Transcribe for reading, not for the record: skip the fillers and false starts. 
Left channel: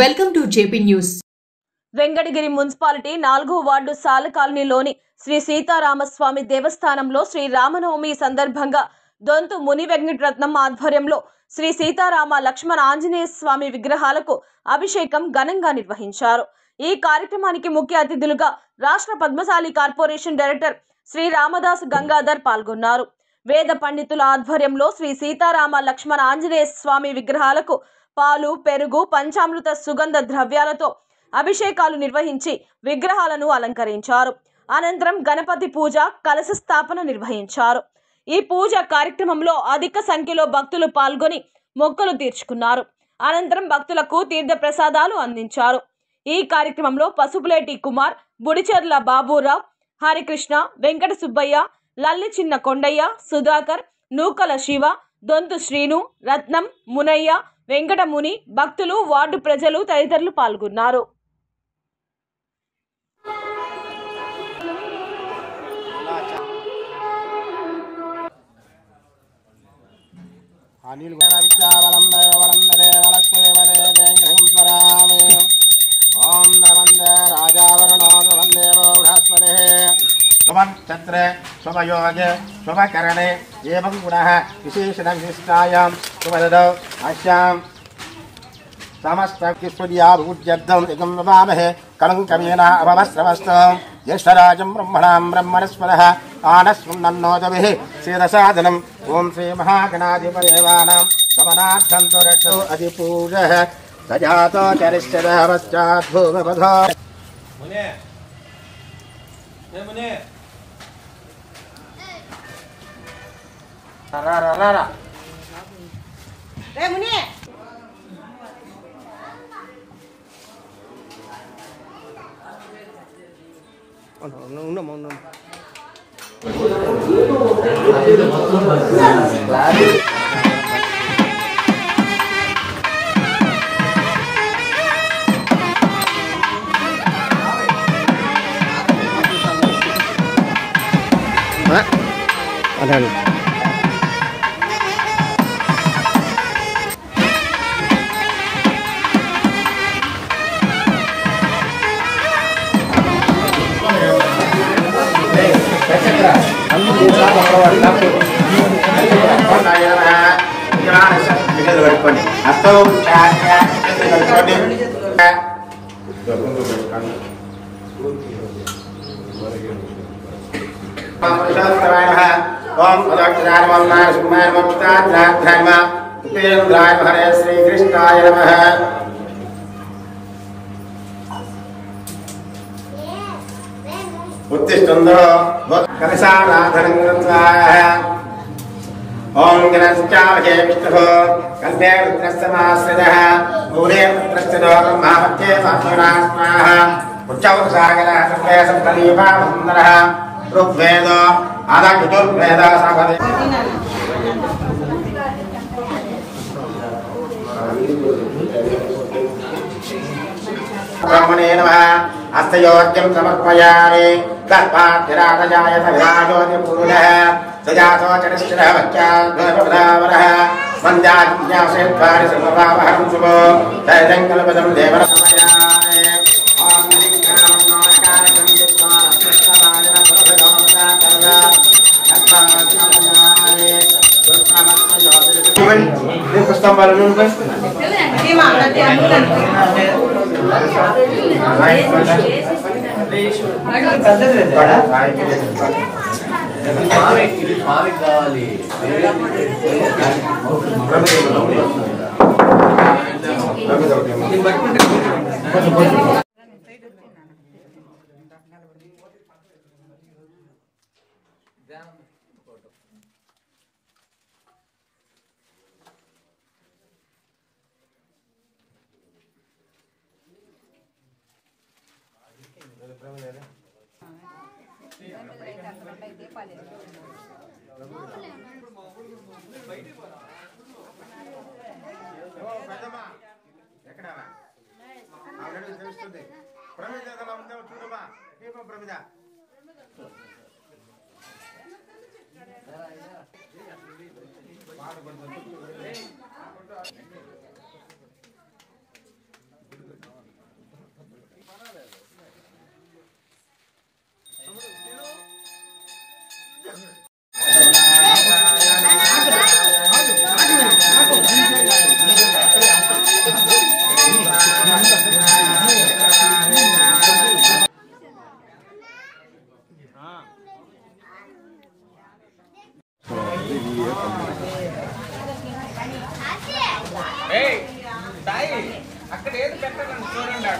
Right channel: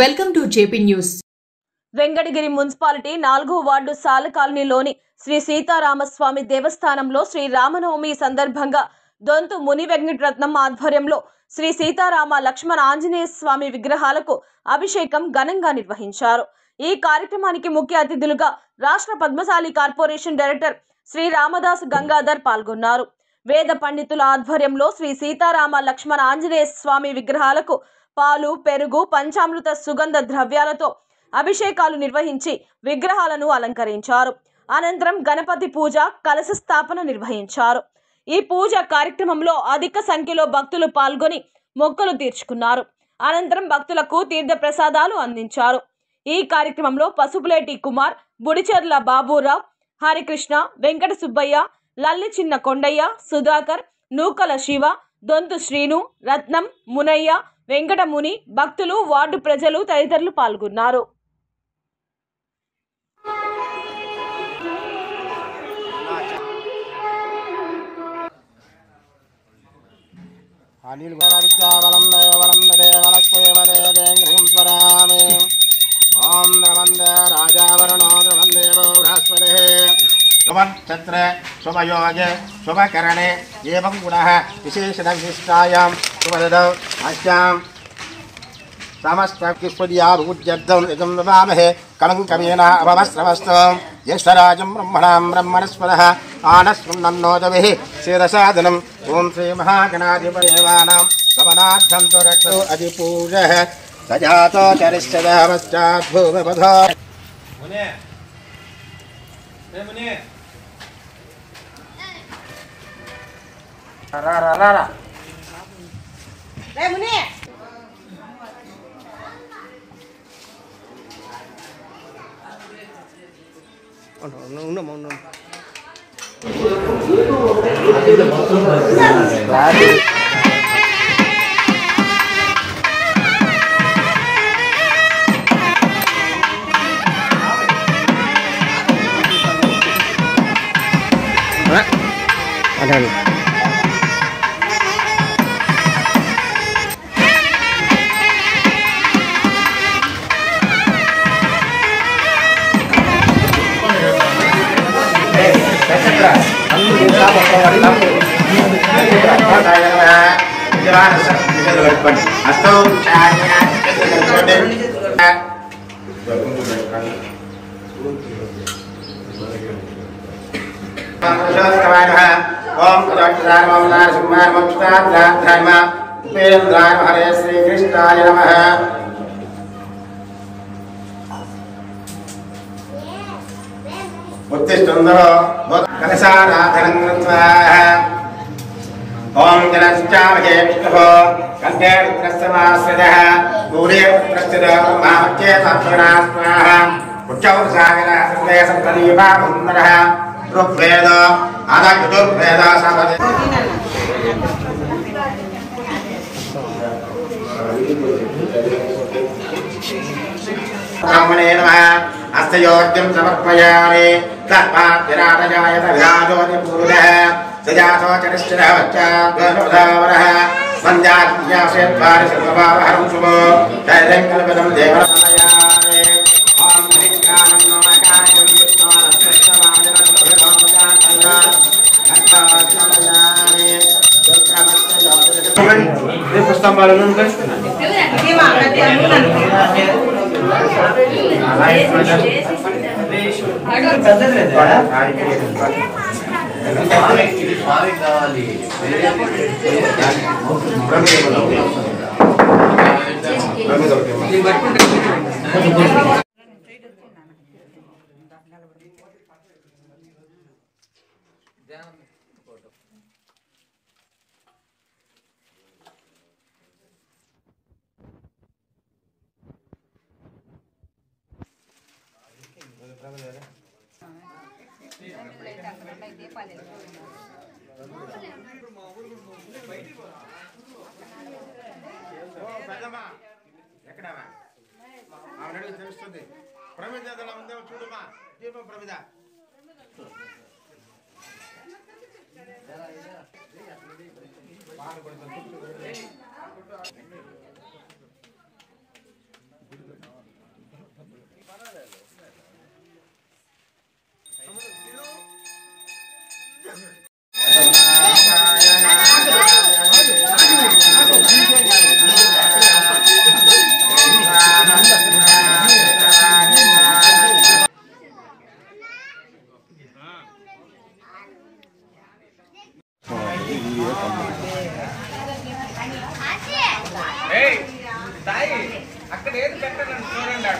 Welcome to JP news. Venkatagiri municipality 4వ ward సాల కాలనీలోని శ్రీ సీతారామస్వామి దేవస్థానంలో శ్రీ రామనవమి సందర్భంగా దొంతు ముని వెంకటరత్నం ఆధ్వర్యంలో శ్రీ సీతారామ లక్ష్మణ ఆంజనేయ స్వామి విగ్రహాలకు అభిషేకం ఘనంగా నిర్వహించారు. ఈ కార్యక్రమానికి ముఖ్య అతిథులుగా రాష్ట్ర పద్మశాలి కార్పొరేషన్ డైరెక్టర్ శ్రీ రామదాస్ గంగాధర్ పాల్గొన్నారు. వేద పండితుల ఆధ్వర్యంలో శ్రీ సీతారామ లక్ష్మణ ఆంజనేయ స్వామి విగ్రహాలకు పాలు, పెరుగు, పంచామృత సుగంధ ద్రవ్యాలతో అభిషేకాలు నిర్వహించి విగ్రహాలను అలంకరించారు. అనంతరం గణపతి పూజ, కలశ స్థాపన నిర్వహించారు. ఈ పూజ కార్యక్రమంలో అధిక సంఖ్యలో భక్తులు పాల్గొని మొక్కులు తీర్చుకున్నారు. అనంతరం భక్తులకు తీర్థ ప్రసాదాలు అందించారు. ఈ కార్యక్రమంలో పసుపులేటి కుమార్, బుడిచెర్ల బాబురావు, హరికృష్ణ, వెంకట సుబ్బయ్య, లల్లి చిన్న కొండయ్య, సుధాకర్, నూకల శివ, దొంతు శ్రీను, రత్నం, మునయ్య, వెంకటముని, భక్తులు, వార్డు ప్రజలు తదితరులు పాల్గొన్నారు. छत्र शुभयोग शुभकरणे एवं गुणः विशेषण विशिष्टायां शुभदौ अस्यां समस्तकिस्पदियाभूज्यब्दं इदं नमामहे कलङ्कमेन अभवस्रवस्तु ज्येष्ठराजं ब्रह्मणां ब्रह्मणस्पदः आनस्वन्नोदभिः शिरसादनम् ॐ श्रीमहागणाधिपदेवानां गमनार्थं तु रक्षो अधिपूजः सजातो चरिष्यदः पश्चाद्भूमपथो मुने मुने रा रे मुने ada ओम हरे श्री कृष्णाय नमः। उत्तिष्ठन्तो कलशाराधनं कृत्वा ओम गणश्चावहे विष्णुः कण्ठे रुद्रस्तमाश्रितः मूले पुत्रश्च ब्रह्मावच्चे साक्षिणा स्वाहा उच्चवसागरः सर्वे सप्तदीपा सुन्दरः ऋग्वेद अदग्धुर्वेद सावधि ब्रह्मणे नमः। अस्तयोग्यं समर्पयामि तत्पाद्विराटजायत विराजोऽतिपूर्णः सजातो चरिष्ठः पश्चाद्भवरः वन्द्याद्यासेद्वारि सर्वपापहरं शुभो दैर्यं कल्पतं देवं समयामि। ॐ हरिज्ञानं नाकाशं विद्वानस्तवायन सुभगामजातल्ला तत्पाद्विराटजामि सुत्रमस्तयोः पुस्तकं बालनुंटे అక్కడ ఏది పెట్టండి చూడండి.